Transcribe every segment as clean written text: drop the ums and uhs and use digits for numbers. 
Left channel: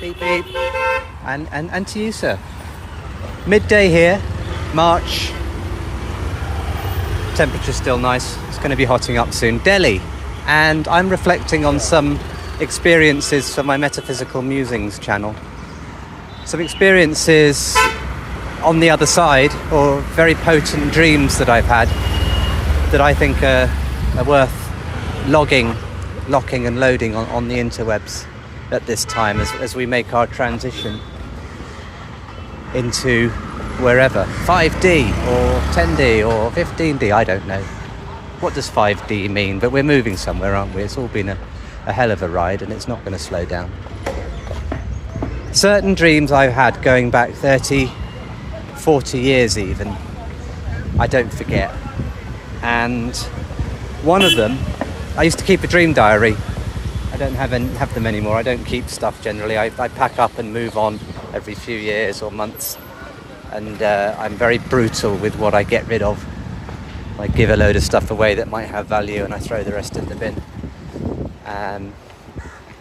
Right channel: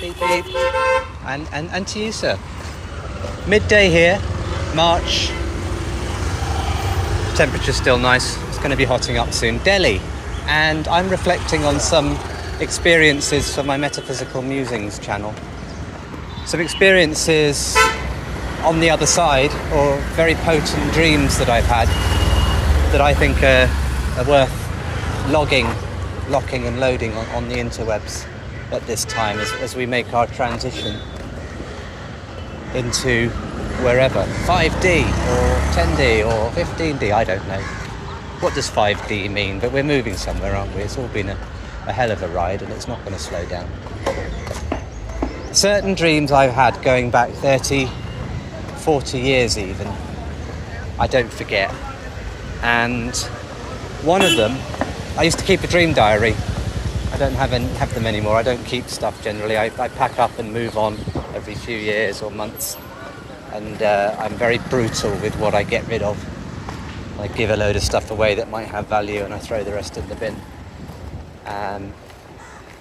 Beep, beep. And to you, sir. Midday here, March. Temperature's still nice. It's going to be hotting up soon. Delhi. And I'm reflecting on some experiences for my Metaphysical Musings channel. Some experiences on the other side, or very potent dreams that I've had that I think are worth locking and loading on the interwebs at this time as we make our transition into wherever. 5D or 10D or 15D, I don't know. What does 5D mean? But we're moving somewhere, aren't we? It's all been a hell of a ride, and it's not going to slow down. Certain dreams I've had going back 30, 40 years even, I don't forget. And one of them, I used to keep a dream diary. I don't have them anymore. I don't keep stuff generally. I pack up and move on every few years or months. And I'm very brutal with what I get rid of. I give a load of stuff away that might have value, and I throw the rest in the bin.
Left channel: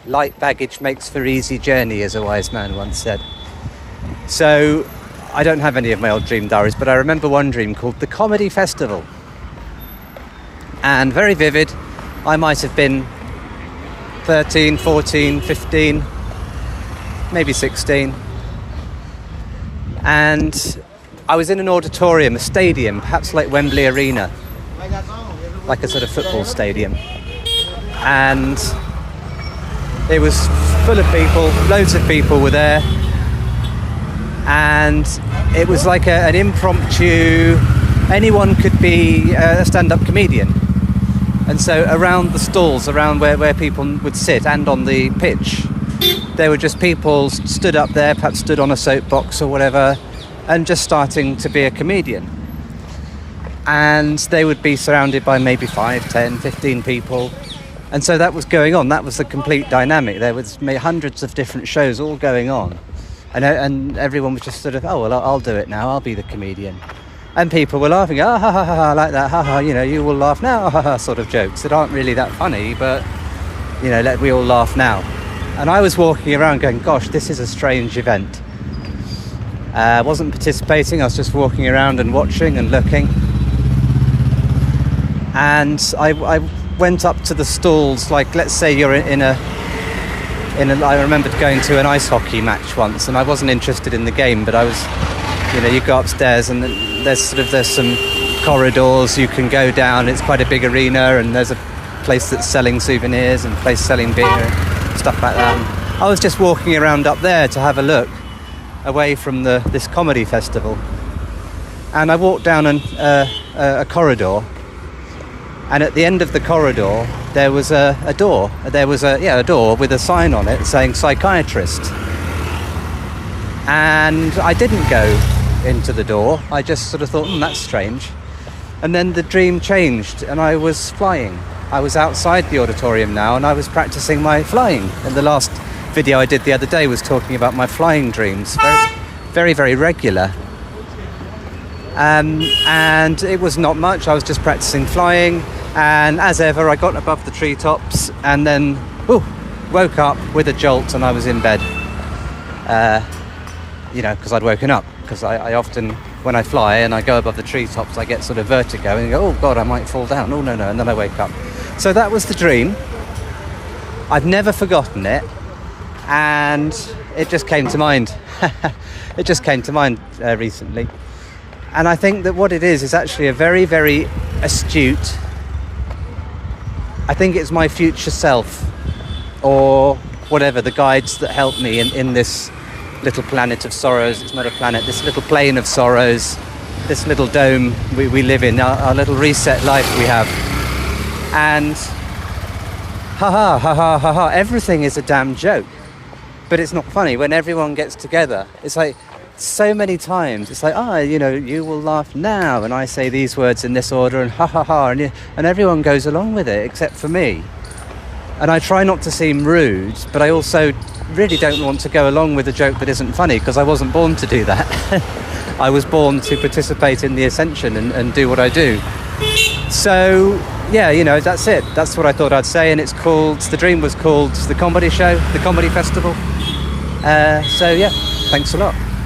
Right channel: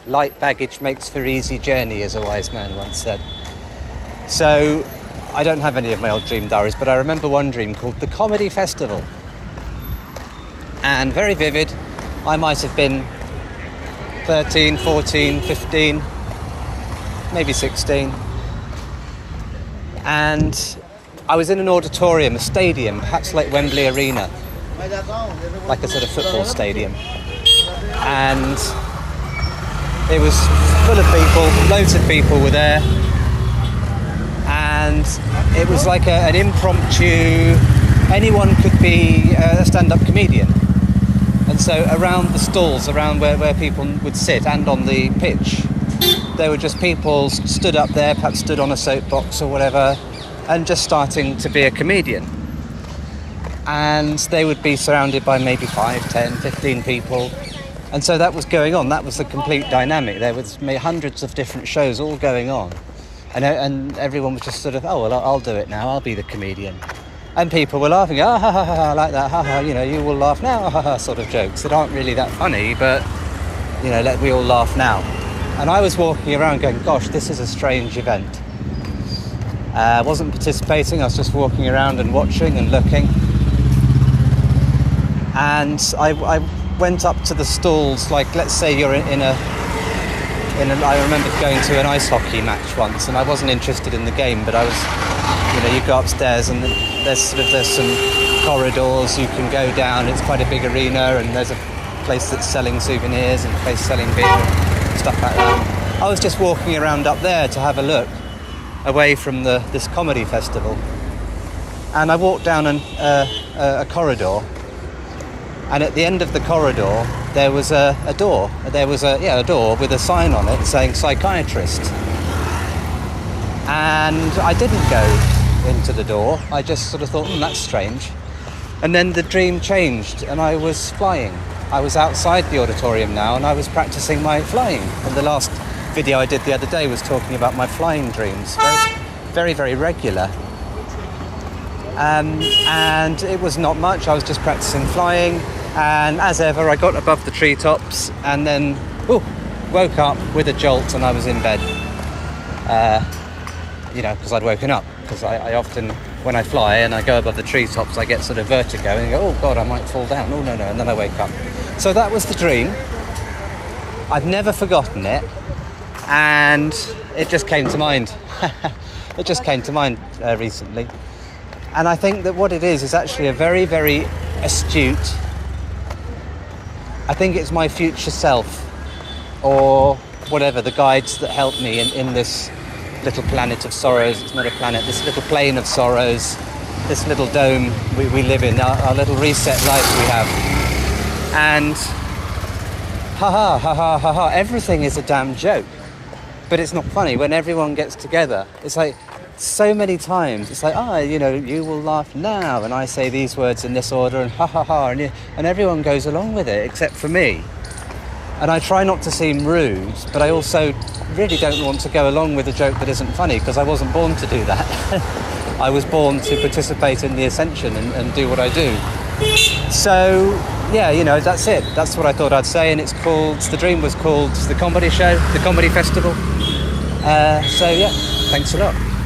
Light baggage makes for easy journey, as a wise man once said. So I don't have any of my old dream diaries, but I remember one dream called The Comedy Festival. And very vivid. I might have been 13, 14, 15, maybe 16. And I was in an auditorium, a stadium, perhaps like Wembley Arena, like a sort of football stadium. And it was full of people, loads of people were there. And it was like an impromptu, anyone could be a stand-up comedian. And so around the stalls, around where people would sit, and on the pitch, there were just people stood up there, perhaps stood on a soapbox or whatever, and just starting to be a comedian. And they would be surrounded by maybe 5, 10, 15 people. And so that was going on. That was the complete dynamic. There was hundreds of different shows all going on. And everyone was just sort of, oh, well, I'll do it now. I'll be the comedian. And people were laughing, ha, ha, ha, like that, ha, ha, you will laugh now, ha, ha, sort of jokes that aren't really that funny, but, let we all laugh now. And I was walking around going, gosh, this is a strange event. I wasn't participating, I was just walking around and watching and looking. And I went up to the stalls, like, let's say you're in a I remember going to an ice hockey match once, and I wasn't interested in the game, but I was, you go upstairs and there's some corridors you can go down. It's quite a big arena, and there's a place that's selling souvenirs and a place selling beer and stuff like that. I was just walking around up there to have a look away from this comedy festival, and I walked down a corridor, and at the end of the corridor there was a door. There was a door with a sign on it saying psychiatrist. And I didn't go into the door. I just sort of thought, that's strange. And then the dream changed, and I was flying. I was outside the auditorium now, and I was practicing my flying. And the last video I did the other day was talking about my flying dreams. Very, very regular. And it was not much. I was just practicing flying. And as ever, I got above the treetops and then woke up with a jolt, and I was in bed. Because I'd woken up. Because I often, when I fly and I go above the treetops, I get sort of vertigo and go, oh God, I might fall down. Oh, no. And then I wake up. So that was the dream. I've never forgotten it. And it just came to mind. It just came to mind recently. And I think that what it is actually a very, very astute, I think it's my future self, or whatever, the guides that help me in this little planet of sorrows. It's not a planet, this little plane of sorrows, this little dome we live in, our little reset life we have. And everything is a damn joke. But it's not funny. When everyone gets together, it's like, so many times it's like, you will laugh now, and I say these words in this order, and and everyone goes along with it except for me. And I try not to seem rude, but I also really don't want to go along with a joke that isn't funny, because I wasn't born to do that. I was born to participate in the ascension and do what I do. So that's it. That's what I thought I'd say. And the dream was called The Comedy Show, The Comedy Festival. So yeah, thanks a lot.